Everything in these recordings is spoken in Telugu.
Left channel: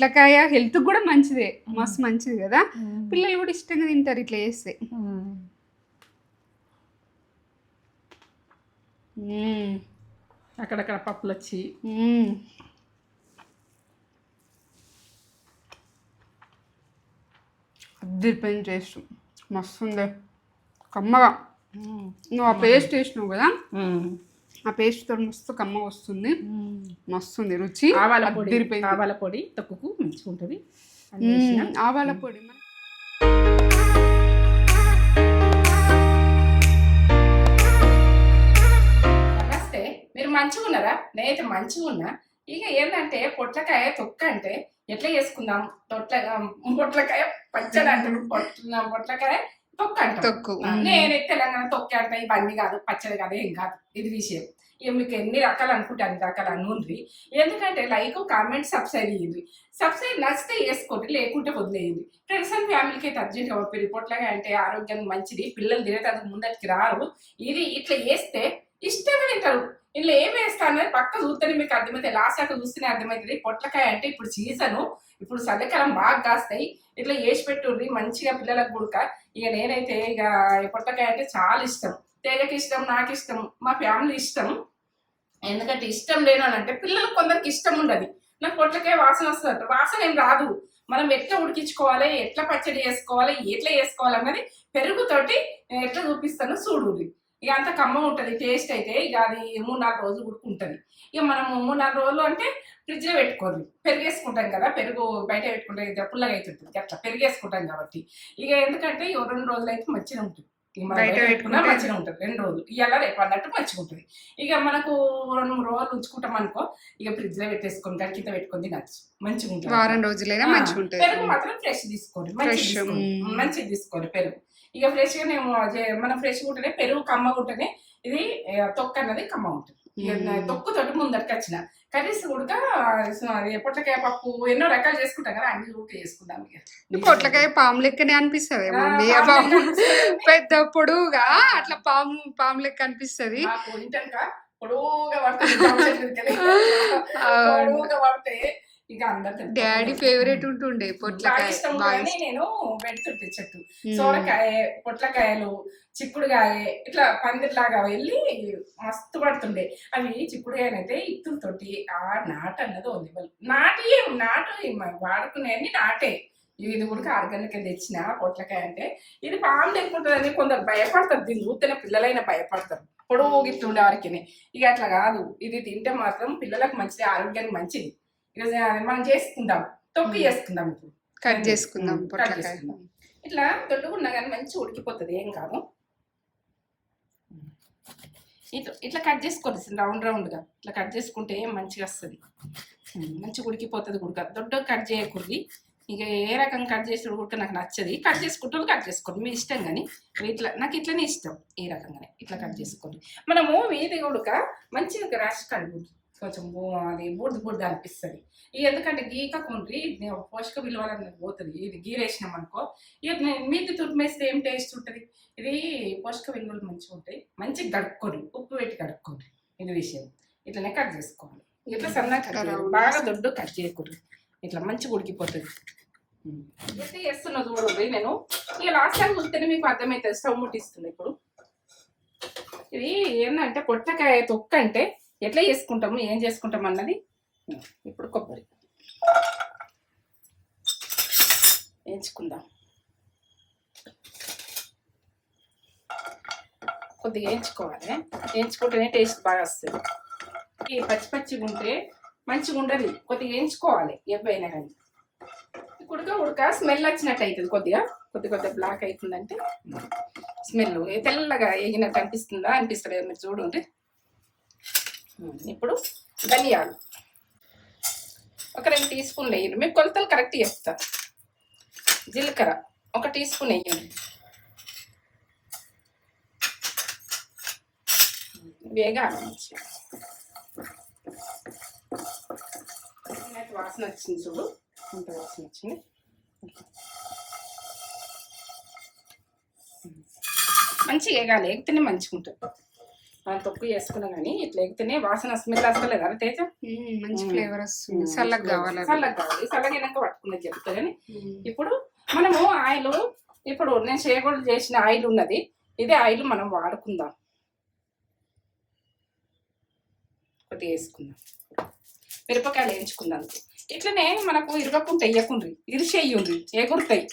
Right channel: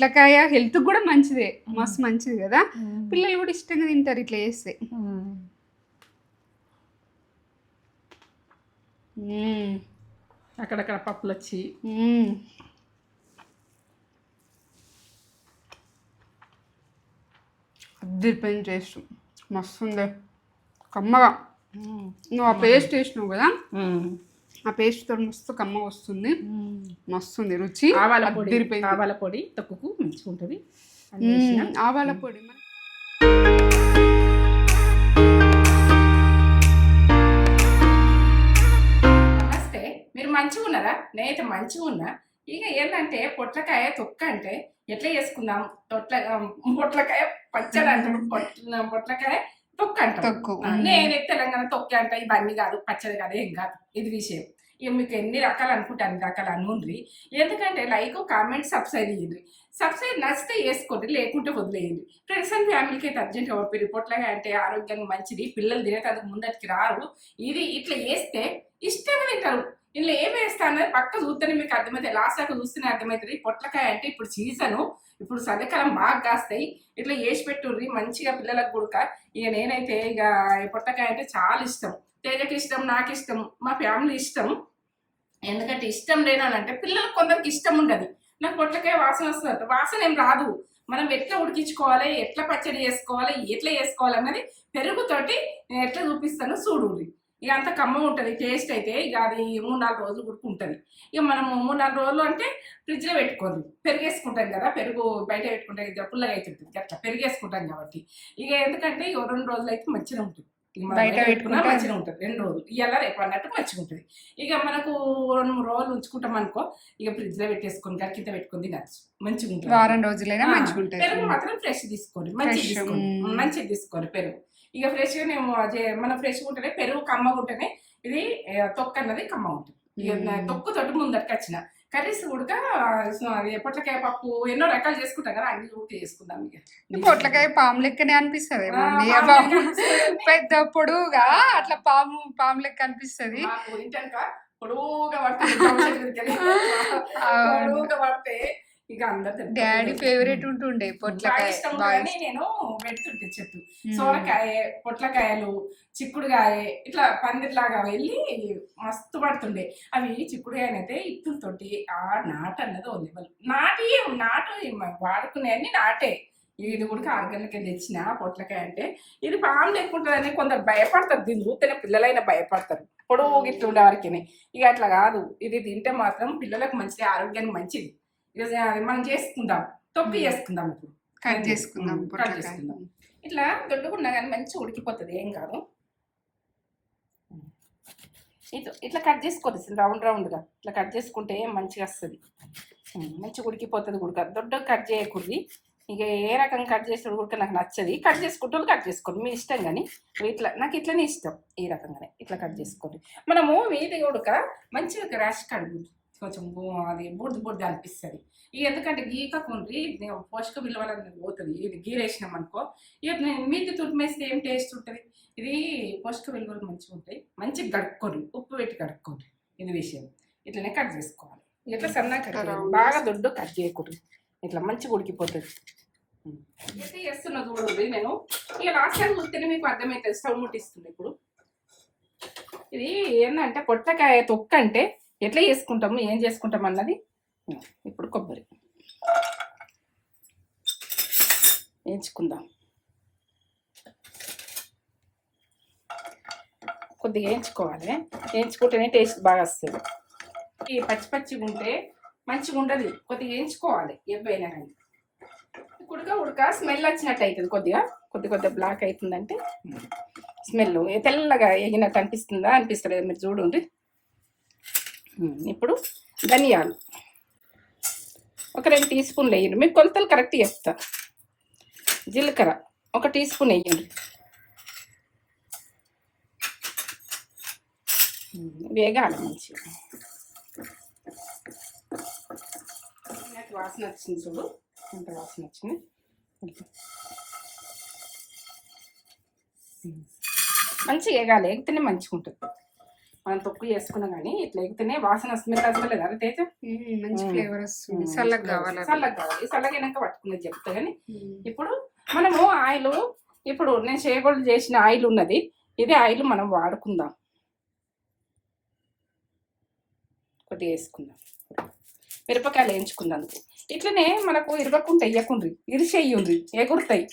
పొట్లకాయ హెల్త్ కూడా మంచిదే, మస్తు మంచిది కదా. పిల్లలు కూడా ఇష్టంగా తింటారు ఇట్లా చేస్తే. అక్కడక్కడ పప్పులు వచ్చి అద్దరిపోయిన టేస్ట్, మస్తు ఉంది కమ్మగా. నువ్వు ఆ పేస్ట్ వేసినావు కదా, ఆ పేస్ట్ తో మస్తు కమ్మ వస్తుంది, మస్తుంది రుచి. ఆవాల పొడి తొక్కుకు మంచిగా ఉంటుంది. ఆవాల పొడి నమస్తే, మీరు మంచిగా ఉన్నారా? నేనైతే మంచిగా ఉన్నా. ఇక ఏంటంటే పొట్లకాయ తొక్క అంటే ఎట్లా చేసుకుందాం. పొట్లకాయ పచ్చడి అంటారు, పొట్లకాయ తొక్క అంటారు. నేనైతే తెలంగాణ తొక్క అంట, ఇవన్నీ కాదు, పచ్చడి కాదు, ఏం కాదు, ఇది విషయం. ఇక మీకు ఎన్ని రకాలు అనుకుంటే అన్ని రకాలు అనుండ్రి. ఎందుకంటే లైక్, కామెంట్, సబ్స్క్రైబ్ చేయండి. సబ్స్క్రైబ్ నచ్చితే వేసుకోండి, లేకుంటే వదిలేయండి. ఫ్రెండ్స్ అండ్ ఫ్యామిలీకి అయితే అర్జెంట్గా పంపి. పొట్లకాయ అంటే ఆరోగ్యానికి మంచిది, పిల్లలు తినేటందుకు ముందటికి రారు. ఇది ఇట్లా వేస్తే ఇష్టంగా తింటారు. ఇందులో ఏం వేస్తాను పక్క చూస్తేనే మీకు అర్థమవుతుంది, లాస్ట్ దాకా చూస్తేనే అర్థమవుతుంది. పొట్లకాయ అంటే ఇప్పుడు సీజను, ఇప్పుడు చలికాలం బాగా కాస్తాయి. ఇట్లా వేసి పెట్టుర్రి మంచిగా పిల్లలకు గుడక. ఇక నేనైతే ఇక పొట్లకాయ అంటే చాలా ఇష్టం, తేజకి ఇష్టం, నాకు ఇష్టం, మా ఫ్యామిలీ ఇష్టం. ఎందుకంటే ఇష్టం లేనంటే పిల్లలకు కొందరికి ఇష్టం ఉండదు. నాకు పొట్లకాయ వాసన వస్తుంది, వాసన ఏం రాదు. మనం ఎట్లా ఉడికించుకోవాలి, ఎట్లా పచ్చడి చేసుకోవాలి, ఎట్లా చేసుకోవాలి అన్నది పెరుగుతోటి ఎట్లా చూపిస్తానో చూడుర్రి. ఇక అంత కమ్మ ఉంటుంది టేస్ట్ అయితే. ఇక అది 3-4 రోజులు ఉడుకుంటుంది. ఇక మనము 3-4 రోజులు అంటే ఫ్రిడ్జ్లో పెట్టుకోండి. పెరిగేసుకుంటాం కదా, పెరుగు బయట పెట్టుకుంటే పుల్లగా అవుతుంటుంది, అట్లా పెరిగేసుకుంటాం కాబట్టి. ఇక ఎందుకంటే ఇక 2 రోజులు అయితే మంచిగా ఉంటుంది. బయట పెట్టుకుంటే మంచిగా ఉంటుంది. 2 రోజులు ఇవాళ రేపు అన్నట్టు మంచిగా ఉంటుంది. ఇక మనకు 2-3 రోజులు ఉంచుకుంటాం అనుకో, ఇక ఫ్రిడ్జ్లో పెట్టేసుకొని కింద పెట్టుకొని తినచ్చు, మంచిగా ఉంటుంది. వారం రోజులైనా మంచిగా ఉంటుంది. పెరుగు మాత్రం ఫ్రెష్ తీసుకోండి, మంచిగా తీసుకోండి పెరుగు. ఇక ఫ్రెష్గా మేము మనం ఫ్రెష్గా ఉంటేనే పెరుగు కమ్మగా ఉంటేనే ఇది తొక్క అన్నది కమ్మ ఉంటుంది. తొక్కుతోటి ముందరికి వచ్చిన కర్రీస్ కూడా పొట్లకాయ పప్పు ఎన్నో రకాలు చేసుకుంటాం కదా, అన్ని కూడా చేసుకుందాం. ఇక పొట్లకాయ పాము లెక్కనే అనిపిస్తుంది మమ్మీ, పెద్ద పొడువుగా అట్లా పాము లెక్క అనిపిస్తుంది. పొడువుగా పడితే ఇక అందరు డాడీ ఫేవరెట్ ఉంటుండే పొట్లకాయ, నేను పెడుతుంటే చెట్టు సోరకాయ, పొట్లకాయలు, చిక్కుడుకాయ ఇట్లా పందిరిలాగా వెళ్ళి మస్తు పడుతుండే. అవి చిక్కుడుకాయనైతే ఇత్తులతోటి ఆ నాటు అన్నది ఉంది, నాటు వాడుకునే అన్ని నాటే. ఇది కూడా 6 గంటలకి తెచ్చిన పొట్లకాయ అంటే ఇది పాము ఎక్కుంటుందని కొందరు భయపడతారు, దీన్ని చూస్తేనే పిల్లలైనా భయపడతారు, పొడవు గిట్లు ఉండే వారికి. ఇక అట్లా కాదు, ఇది తింటే మాత్రం పిల్లలకు మంచిది, ఆరోగ్యానికి మంచిది. ఇక మనం చేసుకుందాం, తొక్కు చేసుకుందాం. ఇప్పుడు కట్ చేసుకుందాం. ఇట్లా దొడ్డుకున్నా కానీ మంచిగా ఉడికిపోతుంది, ఏం కాదు. ఇట్లా కట్ చేసుకోండి రౌండ్గా, ఇట్లా కట్ చేసుకుంటే మంచిగా వస్తుంది, మంచిగా ఉడికిపోతుంది. దొడ్డ కట్ చేయకూడదు. ఇక ఏ రకంగా కట్ చేసిన కూడా నాకు నచ్చది, కట్ చేసుకుంటే కట్ చేసుకోండి, మీ ఇష్టం. కానీ ఇట్లా నాకు ఇట్లనే ఇష్టం, ఈ రకంగానే ఇట్లా కట్ చేసుకోండి. మనము వీధి ఉడక మంచిగా రాసి కడుగు, కొంచెం అది బూడిద అనిపిస్తుంది. ఇక ఎందుకంటే గీకకుండ్రి పోషక విలువలు పోతుంది. ఇది గీరేసినాం అనుకో, ఇక మీది తురిమేస్తే ఏం టేస్ట్ ఉంటుంది. ఇది పోషక విలువలు మంచిగా ఉంటాయి. మంచిగా కడుక్కోండి, ఉప్పు పెట్టి కడుక్కోండి, ఇది విషయం. ఇట్లనే కట్ చేసుకోవాలి. ఇట్లా సన్నగా బాగా దొడ్డు కట్ చేయకూడదు, ఇట్లా మంచిగా ఉడికిపోతుంది. ఎట్లా చేస్తున్నా చూడండి నేను. ఇక లాస్ట్ టైం చూస్తేనే మీకు అర్థమవుతుంది, స్టవ్ ముట్టిస్తుంది. ఇప్పుడు ఇది ఏంటంటే పొట్లకాయ తొక్క అంటే ఎట్లా చేసుకుంటాము, ఏం చేసుకుంటాం అన్నది. ఇప్పుడు కొబ్బరి వేయించుకుందాం, కొద్దిగా వేయించుకోవాలి. వేయించుకుంటేనే టేస్ట్ బాగా వస్తుంది. ఈ పచ్చిగా ఉంటే మంచిగా ఉండదు, కొద్దిగా వేయించుకోవాలి. ఎవైనా కానీ ఉడక స్మెల్ వచ్చినట్టు అవుతుంది, కొద్దిగా బ్లాక్ అవుతుందంటే స్మెల్ తెల్లగా వేగినట్టు అనిపిస్తుంది కదా, మీరు చూడండి. ఇప్పుడు ధనియాలు ఒక 2 టీ స్పూన్లు వేయండి, మీకు కొలతలు కరెక్ట్ చెప్తాను. జీలకర్ర 1 టీ స్పూన్ వేయండి, వేగాలి మంచిగా. వాసన వచ్చింది చూడు, అంత వాసన వచ్చింది. మంచిగా వేగాలి, ఎగితేనే మంచిగా ఉంటుంది. మనం తొక్కు చేసుకున్నాం కానీ ఇట్లా ఎగితేనే వాసన స్మెల్ వస్తలేదు అరే తేజ. మంచి ఫ్లేవర్ వస్తుంది. చల్లగా కావాలి. చల్లగా కావాలి. చల్లగా అయినాక పట్టుకున్నది చెప్తా కానీ ఇప్పుడు మనము ఆయిల్ ఇప్పుడు నేను చేయకూడదు చేసిన ఆయిల్ ఉన్నది. ఇదే ఆయిల్ మనం వాడుకుందాం. కొద్దిగా వేసుకుందాం. మిరపకాయలు వేయించుకుందాం. ఇట్లనే మనకు ఇరవకుండా వేయకుండ్రి, ఇరిసేయ్యుండ్రి, ఎగురుతాయి.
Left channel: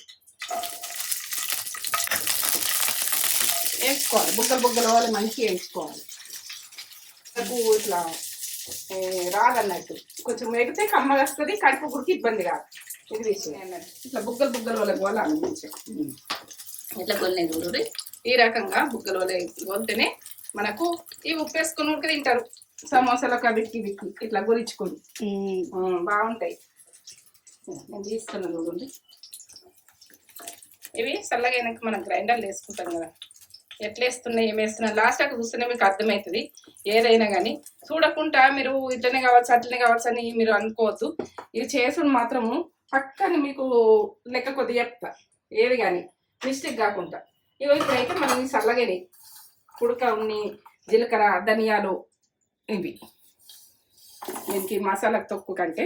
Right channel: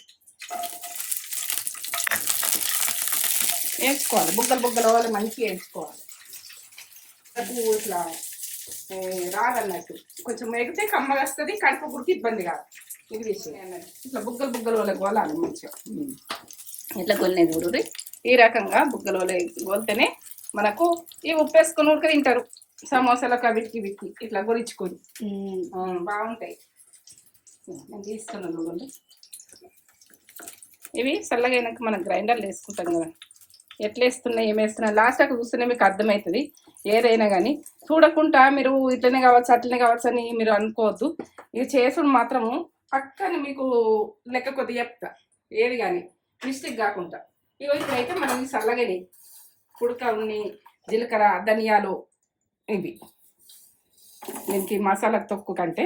వేయించుకోవాలి. బుగ్గలు బుగ్గల వాళ్ళు మంచిగా వేయించుకోవాలి. నాకు ఇట్లా రాదన్నట్టు కొంచెం ఎగితే కమ్మగా వస్తుంది. కడుపు గురికి ఇబ్బంది కాదు. ఇది విషయం ఇట్లా బుగ్గలు బుగ్గల వాళ్ళకి వాళ్ళాలి మంచిగా. ఇట్లా కొన్ని చూడండి ఈ రకంగా బుగ్గల వాళ్ళ పోతేనే మనకు ఈ ఉప్పు వేసుకొని ఉడక తింటారు. సమోసాలకు విక్కి విక్కి ఇట్లా గొరించుకొని బాగుంటాయి. నేను తీసుకున్నాను చూడండి. ఇవి చల్లగా అయినాక మనం గ్రైండర్లు వేసుకుంటాం కదా, ఎట్లా వేస్తున్నాయి ఏమి వేస్తున్నాయి లాస్ట్ అక్కడ చూస్తేనే మీకు అర్థమవుతుంది. ఏదైనా కానీ చూడకుండా మీరు ఇట్లనే కావచ్చు అట్లనే కావచ్చు అని మీరు అనుకోవద్దు. ఇది చేసుడు మాత్రము పక్కన మీకు లెక్క కొద్దిగా చెప్తా, ఏది కానీ మిస్టేక్ కాకుండా. ఇప్పుడైతే మనం ఈ చల్లగాని కుడక ఉన్ని జీలకర్ర ధనియాలు ఇవి దీనికి మసాలా తొక్కు కంటే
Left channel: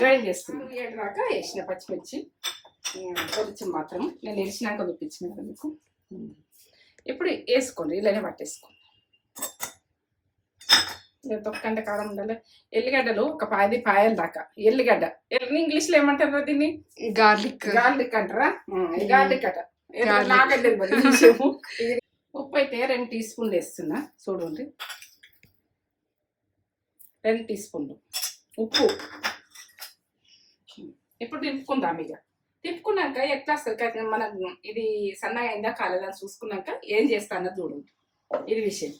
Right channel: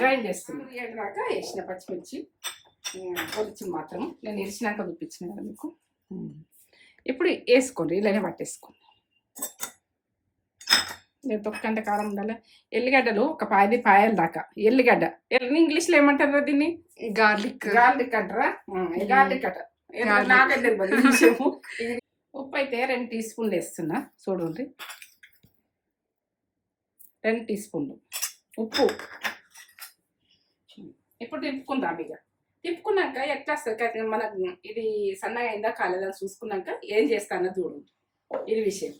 గ్రైండ్ చేస్తుంది. ఏడాక వేసిన పచ్చిమిర్చి పొడిచి మాత్రం నేను ఇరిచినాక చూపించిన కదా మీకు. ఇప్పుడు వేసుకోండి, ఇలానే పట్టేసుకోండి. తొక్కంటే కారం ఉండాలి. ఎల్లిగడ్డలు ఒక 10 పాయల దాకా. ఎల్లిగడ్డ ఇంగ్లీష్లో ఏమంటారు దీన్ని? గార్లిక్. గార్లిక్ అంటారా? గార్లిక్ అట నాకంటే విషయము. ఉప్పు అయితే 2 టీ స్పూన్లు వేస్తున్నా చూడండి. 2 టీ స్పూన్లు ఉప్పు. ఇప్పుడు తిప్పుకుందాం. ఇక తిప్పుకున్నాక ఎట్లా వస్తుంది మనకు ఇది సన్నగా అయిందా కాలేదని చూసుకున్నాక ఏం చేస్తానో చూడండి. ఇది విషయం.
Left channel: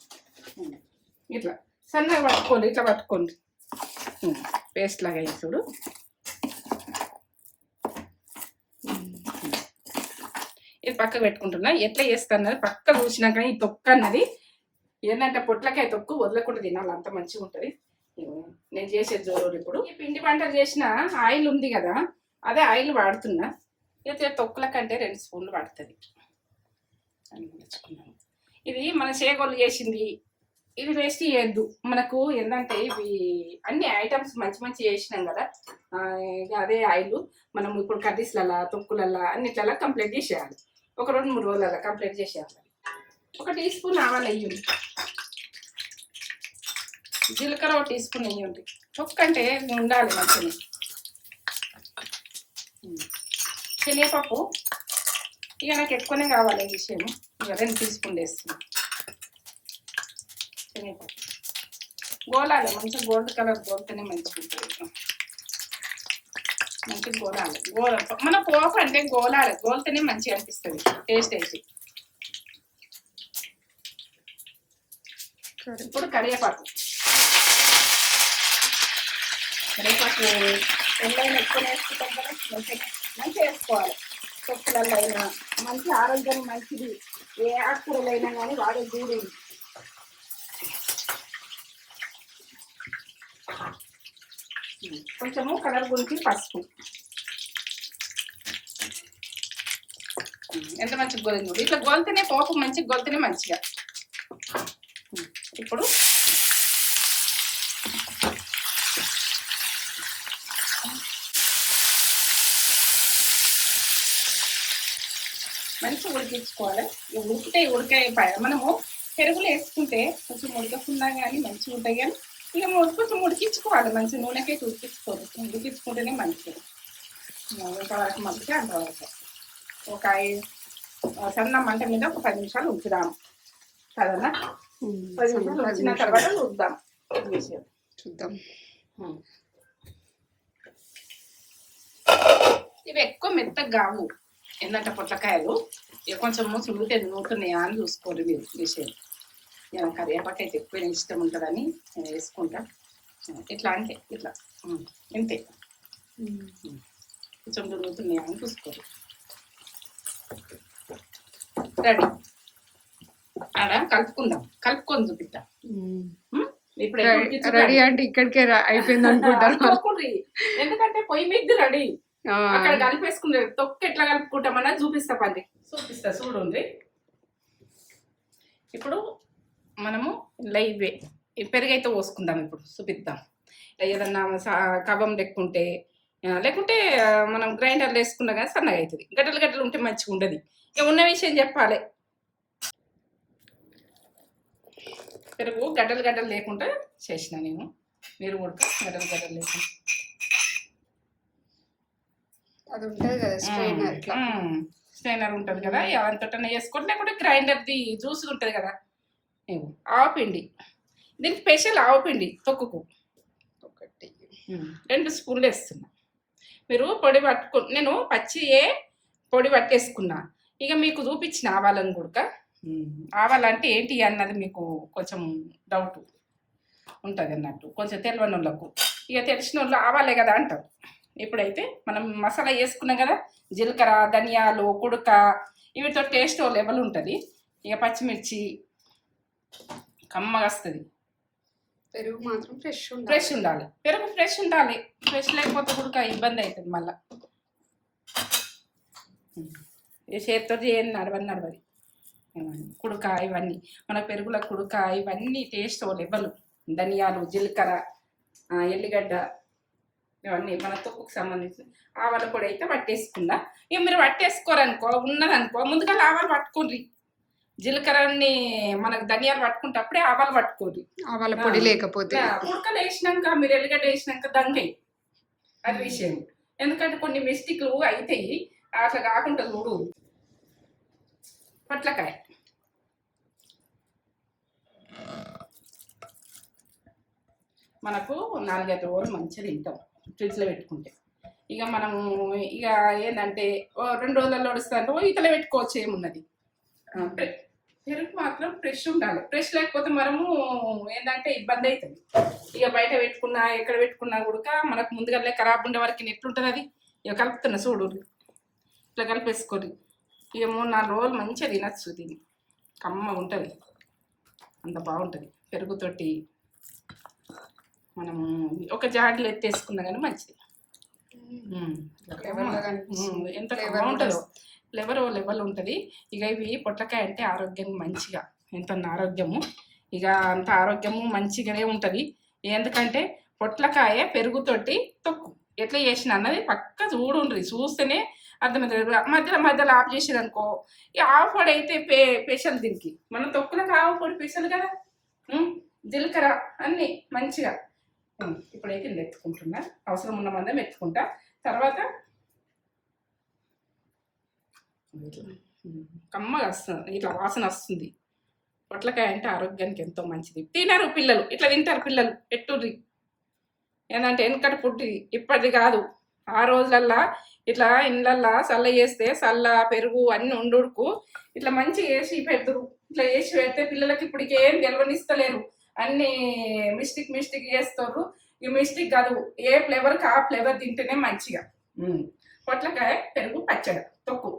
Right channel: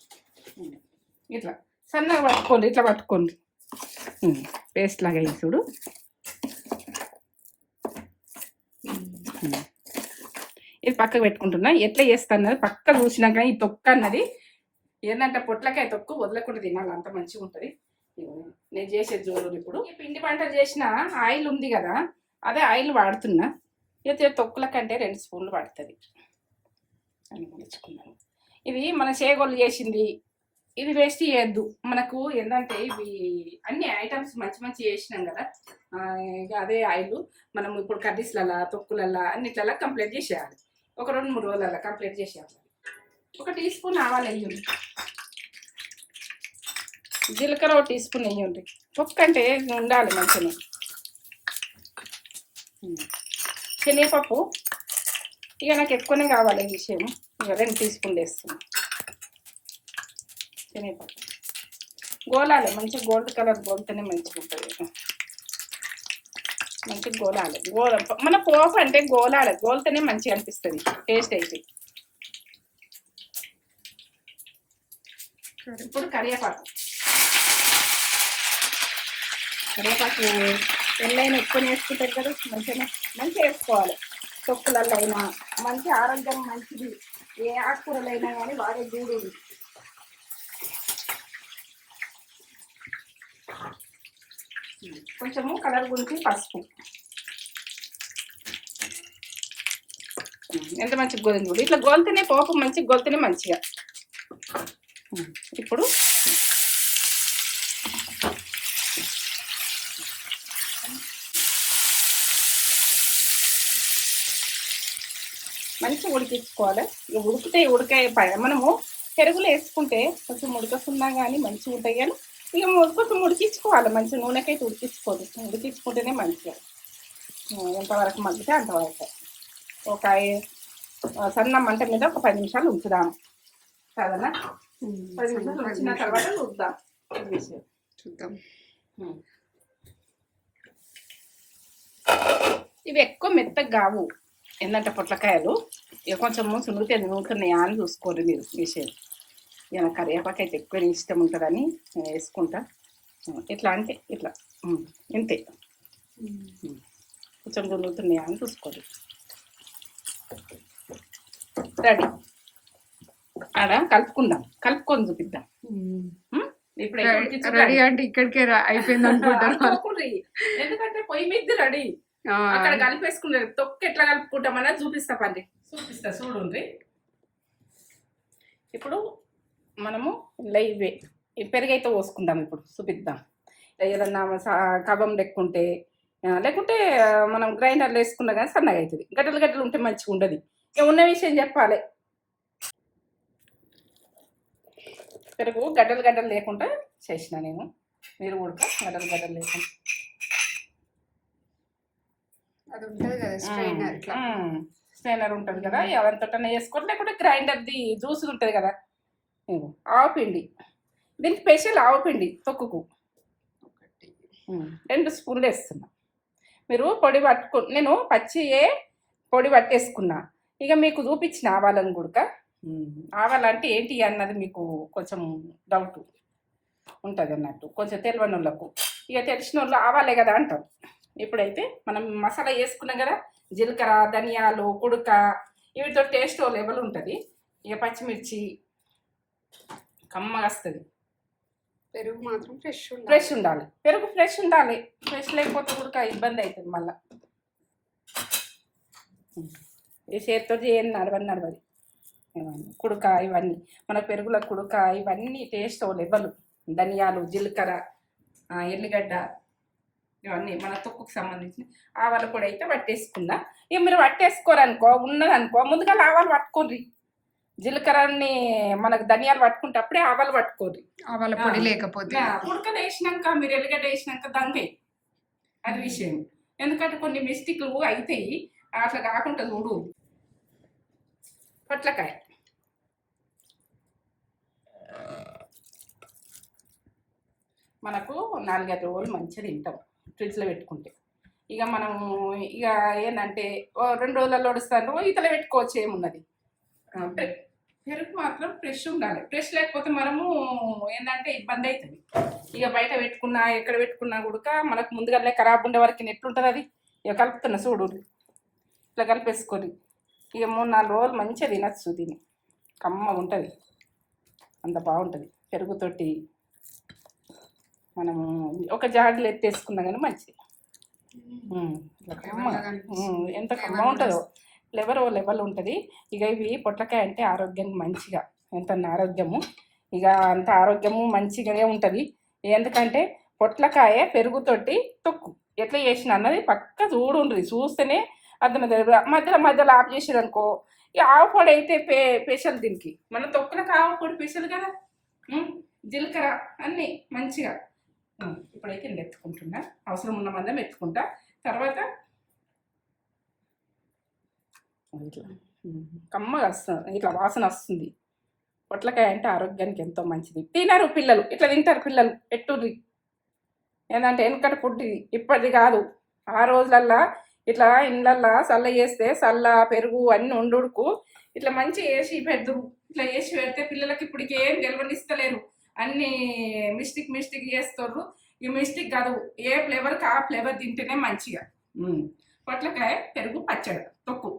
ఇట్లా సన్నగా పట్టుకోండి, ఇట్లా పట్టుకోండి. పేస్ట్ లాగా అయింది చూడు. ఇది పక్కకు పెట్టుకుంటున్నా. ఎట్లా చేస్తాను పక్క చూసినాక ఈ తొక్క అన్నది ఏంటంటే పొట్లకాయ తొక్కు వదలకుండా తినాలి, అంత మంచిగా ఉంటుంది. నేను చేసేది చూడండి. ఇప్పుడు ఈ పిండి పంటలు చేసిన ఆయిల్ ఉంది కదా, అదే ఆయిల్ వాడుతున్నా. అయితే తొక్కుల కంటే 2 స్పూన్లు పడుతుంది అని తెచ్చుకున్నాను. ఇది మన చేగోళ్ళు చేసింది, ఇది వేస్ట్ చేయొద్దు. మనకు ఏంటంటే ఇవి అన్ని ఐటమ్స్ మంచి మంచి చేసినాం కదా, ఇక అదే ఆయిల్ మనం ఇప్పుడు కర్రీస్లల్లా తొక్కులల్లా అన్నిట్లల్లా కంప్లీట్ చేసేయాలి. ఒక 2-3 రోజులల్లా కంప్లీట్ చేసేయాలి. 1 టీ స్పూన్ ఆవాలు వేయండి. జీలకర్ర 1 టీ స్పూన్ వేయండి. తొక్కంటే ఉండాలి మంచిగా. శనగపప్పు ఇక నాకు ఎక్కువనే కావాలి ఈ విషయం. ఇక 2 టీ స్పూన్లు వేస్తున్నాను శనగపప్పు. గోలాలి మంచిగా, గోల్డ్ కలర్ గోల్తేనే మంచిగా ఉంటుంది. మంచిగా గోలాలి. మన పోపు అంటే గోలాలి, గోల్తేనే మంచిగా అనిపిస్తుంది టేస్ట్ అయితే. ఇప్పుడు కరివేపాకు ఎన్నైనా ఎక్కువ వేసుకుంటారు కదా, మంచిగా వేసుకోవాలి. తొక్కులలో అయినా మంచి ఆరోగ్యం మంచిది. ఏ ఆకుకూరలైనా కానీ వాడే గూడు. కొంచెము కలర్ గురించి పసుపు. ఎంత మంచిగా గోలింది కూడా. ఇట్లా గోలితేనే పోపు మంచిగా గోలితేనే మంచిగా. ఇప్పుడు మంచిగా ఉడికించుకోవాలి. ఇక ఉడికాయ మనము పెరుగులు వేసుకుంటే కొంచెం ఉడకకుండా కానీ మంచిగా ఉంటాయి. కానీ ఇక కొంచెం ఉడికించుకోవాలి మంచిగా. నూనెకైతే ఉడికించుకోదు, ఉడికించుకుంటేనే మంచిగా. ఎంతవరకు మంచిగా అంతవరకు ఒక సన్న మంట మీద ఒక 10 నిమిషాలు ఉంచుదాము కదన్నా. 10 నిమిషాలు ఉంచిన తర్వాత చూద్దాం విషయం. చూద్దాం. ఇవి ఎక్కువ మెత్తగా కావు ఏంటంటే పొట్లకాయలు. ఇక కొంచెం సులువుతే నూరుతున్నాయా అని చూసుకోరు మీరు విషయం. ఇక కరివేపాకు అయితే ఎక్కువ ఇష్టం ఉంటుందని నేను వేసుకుంటా. ఇట్లా అంటే ఇట్లా ఇంతే, కొంచెం నూరుతున్నాయా అని చూసుకోరు. రెడీ. ఆడ కలుపుకొని చూపిద్దాం. ఇప్పుడు రెడీ అంటే ఇక్కడికే అయిపోయింది అనుకుంటారు. ఎందుకంటే పొయ్యి మీద రెడీ. అక్కడ కలిపేసుకున్నారు. తొక్కు ఎట్లా కలుపుకుంటామన్నా చూపిస్తా చూడండి. ఇప్పుడు మనము ఇలా ఇవే ఈ పెరుగైతే పోసుకుందాం. ఇప్పుడు చూపిద్దాం. ఇలా ఏదన్నా కబం లెక్కుంటే లేకుంటే మనం గ్రైండర్లో వేసుకున్నా కానీ సన్నగా అవుతుంది. గడ్డలు గడ్డలు ఉంటే మంచిగా ఉండదు. ఇక ఉన్న విషయం చెప్పాలి. పెరుగు గడ్డలు గడ్డలు లేకుండా చేసిన నేను. మీరు కూడా గడ్డలు గడ్డలు లేకుండా అది ఉంటుంది కదా స్ట్రైనర్, స్ట్రైనర్ ఉంటుంది కదా, అదంతటనే వేసుకోండి. లేకుంటే గ్రైండర్ది జ్యూస్ ఉంటుంది కదా, ఆవపిండి. దీనికి స్పెషల్ ఆవపిండి తొక్కుకు 2 స్పూన్లు వేస్తున్నా. మీరు పొడి నేను పచ్చియే పొడి పట్టేసుకున్నా. ఇక మీకు చూపించిన ఆవాలను కూడా. ఆవాలంటే ఏంటి అన్నది మీకు కొంచెం డౌట్ ఉంటుంది అన్నట్టు, కొంచెం తెలియని వాళ్ళకు. ఇక తెలిసిన వాళ్ళు ఆవాలే కదా అంటారు. ఇప్పుడైతే మనం మసాలా వేసుకున్నాం కదా, జీలకర్ర, ధనియాలు, కుడక, వీటితో టేస్ట్ లెవెల్ ఉంటుంది. ఇక పచ్చిమిర్చి కమ్మగా వస్తుంది. పెరుగు మాత్రం ఫ్రెష్ ఉండాలి. పెరుగు ఫ్రెష్ ఉండాలి. ఫ్రెష్ లేకపోతే కూడా ఇబ్బంది అవుతుంది. మళ్ళీ చేతితో చేయండి, నడవది ఇవన్నీ కుడక, ఇవన్నీ మన పెరుగుల కుడక, ఇవన్నీ టేస్ట్ లెవెల్. ధనియాలు, జీలకర్ర, ఎల్లిగడ్డ, ఇవన్నీ మన తొక్కుకు సంబంధించిన ఆవాలు పొడి అయితే పట్టేసుకుందా. ఇక మీరు పట్టేసుకోరనుకో, ఉన్నదనుకో ముందుగా ఆవాలు పట్టుకోండి. జీలకర్రని మనకు ధనియాలు పట్టుకుంటే అప్పుడే ఆవాలు పట్టుకోండి. ఆవాల పొడి లేకపోతే ఉడకలు వేసినాక మీరు ఎల్లిగడ్డ వేసినాక దంగయి, అది విషయం. ఎందుకంటే కొన్ని మిస్టేక్లు అవుతాయి, అట్లా కాకుండా చూడు. పొట్లకాయ మనకు 4-5 రోజులు మంచిగా తింటాం ఫ్రిడ్జ్లో పెట్టుకుంటే. ఇక మనము ఇక ఏంటంటే 2 రోజులలో వడుస్తాను ఇతలో పెట్టుకోవచ్చు, ఏమున్నది. పెరుగు మాత్రం ఫ్రెష్ ఉండాలి. ఫ్రెష్ లేకపోతే మనము ఏంటంటే ఇబ్బంది అవుతుంది. ఇక బయట పెట్టుకున్నా ఎక్కడ పెట్టుకున్నా కూడా మనకు ముందుగా ఖరాబ్ ఉండే వరకు ఎట్లుంటుంది అది. ఇక కలుపుతున్నా చూడు, ఇట్లా కలిపేసుకొని ఇక 3-4 రోజులు మంచిగా తినచ్చు. దీన్ని కమ్మ ఉంటుంది, అంత బాగుంటుంది. పెరుగుతోటి మనము ఒక జాడీలో ఎత్తేసుకున్నా కానీ మంచిది. ఎంత బాగుంటుందో, లెవెల్ ఉంటుంది. ఇక ఇవి పొట్లకాయ అంటే ఆరోగ్యానికి మంచిగా, ఎంత ఆరోగ్యము. ఇక అంత ఆరోగ్యము మంచిగానే ఉంటుంది. ఎందుకంటే పొట్లకాయ పెరుగుతోటి తొక్కు ఎట్లా చేసిన అన్నది పక్క చూడుండ్రి, చూస్తేనే అర్థమవుతుంది. మధ్యలో ఆఫ్ చేసేదనుకో, ఈ ఆవు పొడి అయితే స్పెషల్ దీనికి. మన తొక్కులకు ఆవు పొడి స్పెషల్ కదా, జీలకర్ర అన్నీ మంచిగా. ఇప్పుడైతే నేను ఎత్తుకుంటున్నా, అవసరం ఉన్న మందం ఎత్తుకుంటా. తర్వాత కమ్మగా వస్తుంది, ఇట్లా వాసన వస్తుంది. పొట్లకాయ అంటే ఆరోగ్యానికి ఎంతో మంచిది. తినరు పిల్లలు, ఇట్లా తింటారు పిల్లలు. ఎట్టుర్రి ఏంటంటే వెనకటి ఫుడ్ ఇప్పటిది కాదు. ఆ రోజులల్లా ఇట్లా ఇండ్లల్లా చల్ల చేస్తే చల్ల పెరుగు అన్నీ ఉండుకు ఇట్లా మంచిగా వేసి పెడతారు. ఇట్లా వేసి పెడితే పిల్లలకి ఇప్పటికి ఏం తెలియనిస్తలేరు, అన్నీ మిస్టేక్ చేస్తారు. ఈ మిస్టేక్ కాదు, ఏ ఫ్లేవర్కి ఆ ఫ్లేవర్ తింటేనే మంచిగా. పొట్లకాయ పెరుగు పచ్చడి, తొక్కు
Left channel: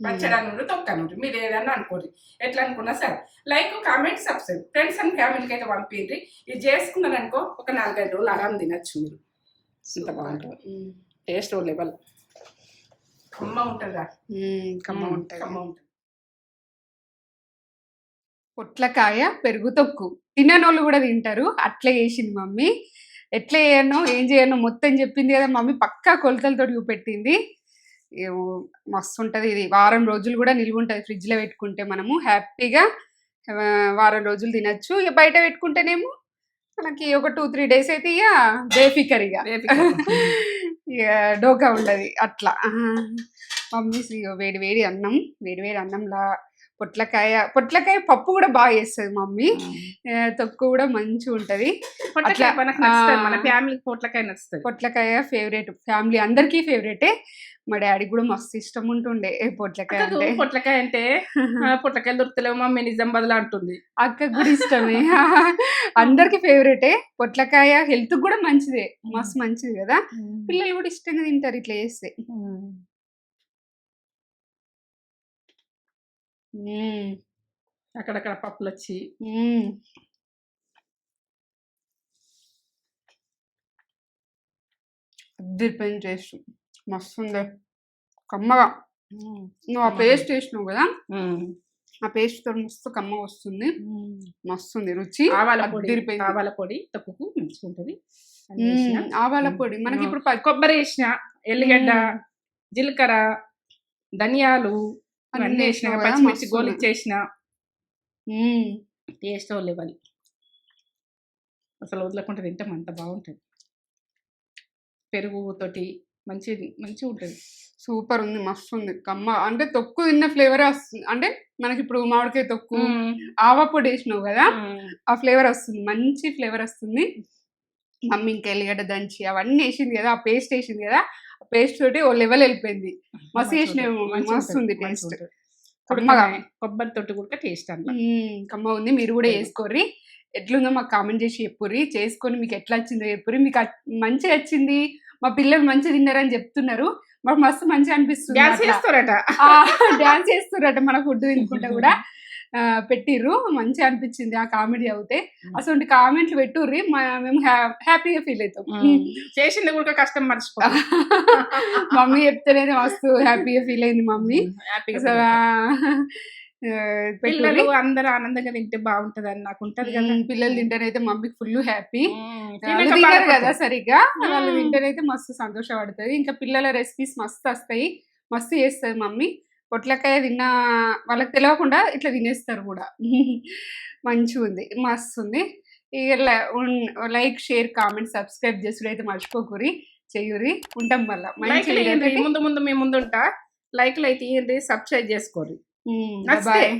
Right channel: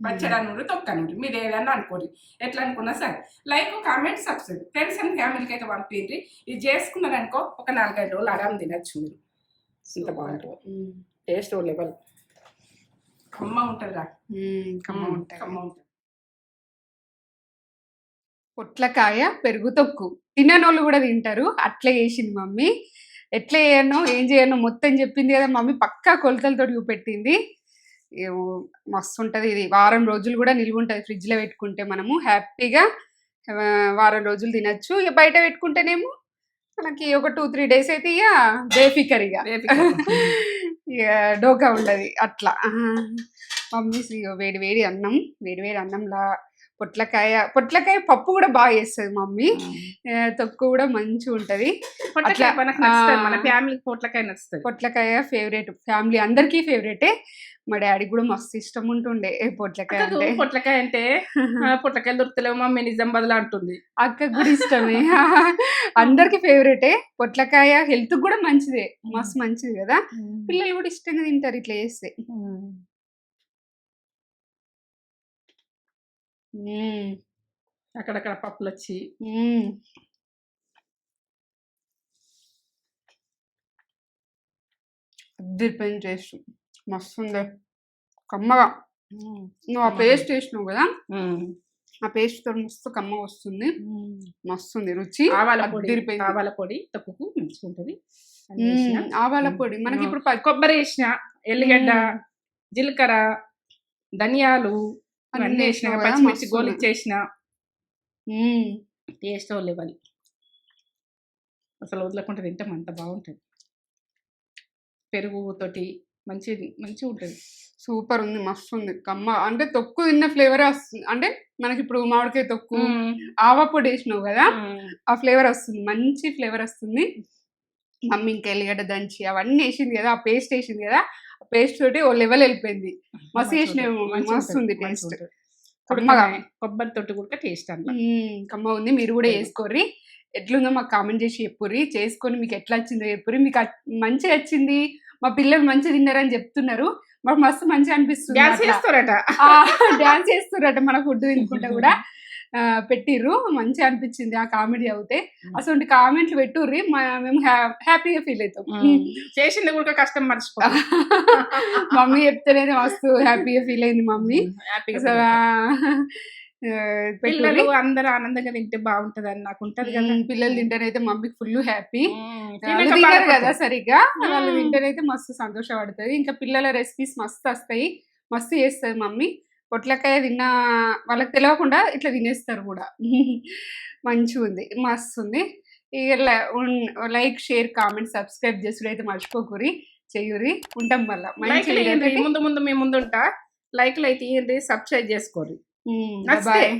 పచ్చడి అని తొక్కు అని ఉంటుంది. మీరు ఏదన్నా అనుకోండి, ఎట్లా అనుకున్నా సరే. Like, comment, subscribe. Friends and ఫ్యామిలీకి అయితే పంపించి ఇది చేసుకున్నారనుకో ఒక 4-5 రోజులు ఆరాం తినచ్చు మీరు. ఇంత బాగుంటుంది, టేస్ట్ లెవెల్. కమ్మ ఉంటుందా, కమ్మ ఉంటుంది. పొట్లకాయ పెరుగు తొక్కు తిననోళ్ళు కూడా తింటారు. అట్లా చేసింది మమ్మీ. ఎట్లా చేయనో ఏం చేయనో మొత్తం చెప్పింది కదా మమ్మీ, పక్కా కొలతలతో చూపెట్టింది. మస్తు ఉంటుంది ఇది. వారం రోజులు కూడా నిల్వ ఉంటుంది ఫ్రిడ్జ్లో పెట్టుకుంటే. మనము హ్యాపీగా వారం రోజులు తినచ్చు. ఇక బయట పెట్టుకుంటేనేమో మనకి ఒక 2-3 డేస్ అయితే ఇక బేఫికర్, ఇక డోకా ఉండదు అట్లా. మమ్మీ వేడి అన్నంలా పొట్లకాయ పప్పు కూడా బాగా చేస్తుంది మమ్మీ. తొక్కు కూడా మంచిగా ఉంటది. మన ఫ్యామిలీకి పొట్లకాయ నచ్చుతుంది. పొట్లకాయ ఫేవరెట్, ఫ్యామిలీ అందరికీ ఫేవరెటే. మా డాడీ కూడా మస్తు ఇష్టం ఉంటుండే పొట్లకాయ అంటే. పొట్లకాయలు దొరుకుతలేవు మమ్మీ, నిజామాబాద్ లో అంటుంది. అక్క కూడా ఇష్టమే, అందరికి ఫేవరెటే. పొట్లకాయ హెల్త్ కూడా మంచిదే, మస్తు మంచిది కదా. పిల్లలు కూడా ఇష్టంగా తింటారు ఇట్లా చేస్తే. అక్కడక్కడ పప్పులు వచ్చి అద్దరిపోయిన టేస్ట్, మస్తు ఉంది, కమ్మగా. నువ్వు ఆ పేస్ట్ వేసినావు కదా, ఆ పేస్ట్ తో మస్తు కమ్మ వస్తుంది, మస్తుంది రుచి. అదిరిపోయింది. ఆవాల పొడి తొక్కుకు మంచిగా ఉంటుంది. అన్ని వేసిన. ఆవాల పొడి మనకి ఇప్పుడు కొబ్బరి వేసిన, ఎల్లిగడ్డ, జీలకర్ర, ధనియాలు అన్నీ వేసిన, వేసినావు కదా, పచ్చిమిర్చి మస్తు. గోలిచ్చేసిన. టేస్ట్ లెవెల్ అసలు వదలకుండా తింటాం, అంత బాగుంటుంది. పెరుగు తోటి మంచిగా ఉంటుంది. సూపర్ ఉంది, మస్తు ఉంది కమ్మ. అంటే తొక్కు తిన్న ఫ్లేవర్ వస్తుంది. అంటే మనకి ఇప్పుడు మామిడికాయ తొక్కు ఆవా పొడి వేసినావు కదా, ఆ ఫ్లేవర్ వస్తుంది, మంచి ఫ్లేవర్ వస్తుంది. మమ్మీ ఇంకా ఎల్లిగడ్డ దంచి అవన్నీ వేసింది కదా, ఆ పేస్ట్ వేసింది కదా, ఆ పేస్ట్ తోటి ఓ లెవెల్ వెళ్ళిపోయింది. మస్తు వేసినావు, మస్తు ఉంది టేస్ట్. కొబ్బరి తోటి కూడా టేస్ట్ అంట కమ్మ ఉంది. మీరు కూడా వేసుకోర్రి. ఎట్లుందో మాకు కామెంట్ చేసి చెప్పుర్రి. చేసుకొని మీకు ఎట్లా వచ్చిందో చెప్పుర్రి. మీకు మంచిగా వచ్చింది, మా పిల్లలు మంచిగా తిన్నారని చెప్తున్నారు. మాకు మస్తు మంచిగా అనిపిస్తుంది. డాన్స్ చేస్తురట మన ఫుడ్ తినుకుంటా కూడా పెట్టిర్రు. మంచిగా అనిపించింది ఆ కామెడీ అవుతే. అసలు కామెంట్లు పెట్టుర్రి, మేము హ్యాపీగా ఫీల్ అవుతాం. చేసింది కూడా కష్టం మర్చిపో. మమ్మీ చెప్తేనే మస్తు హ్యాపీగా ఫీల్ అయింది మమ్మీ. పిల్లలు అందరూ ఆనందంగా తింటే బాగుంటది అని నాకు ఉంటది కదా. పిల్లలు తింటేనైతే మమ్మీకి ఫుల్ హ్యాపీ. తినరు కదా సరిగ్గా, వాళ్ళు తింటేనైతే మస్తు సంతోషపడుతుంది. ఇంకా పిల్లల రెసిపీస్ మస్తు వస్తాయి, మస్తు చేస్తుంది మమ్మీ. పొట్లకాయ తిన్న వాళ్ళకి తెలియకుండా ఇట్లా తినేస్తారు కూడా. మంచిగా ఉంది, మస్తు ఉంది. ఇక లైక్, షేర్, కామెంట్, సబ్స్క్రైబ్ చేసుడు అయితే మర్చిపోకూరి, చెయ్యూరి. ఉంటాం మళ్ళీ మంచి ముందు మేము ముందుంటా. లైక్లు అయితే సబ్స్క్రైబ్ చేసుకోరు. బాయ్.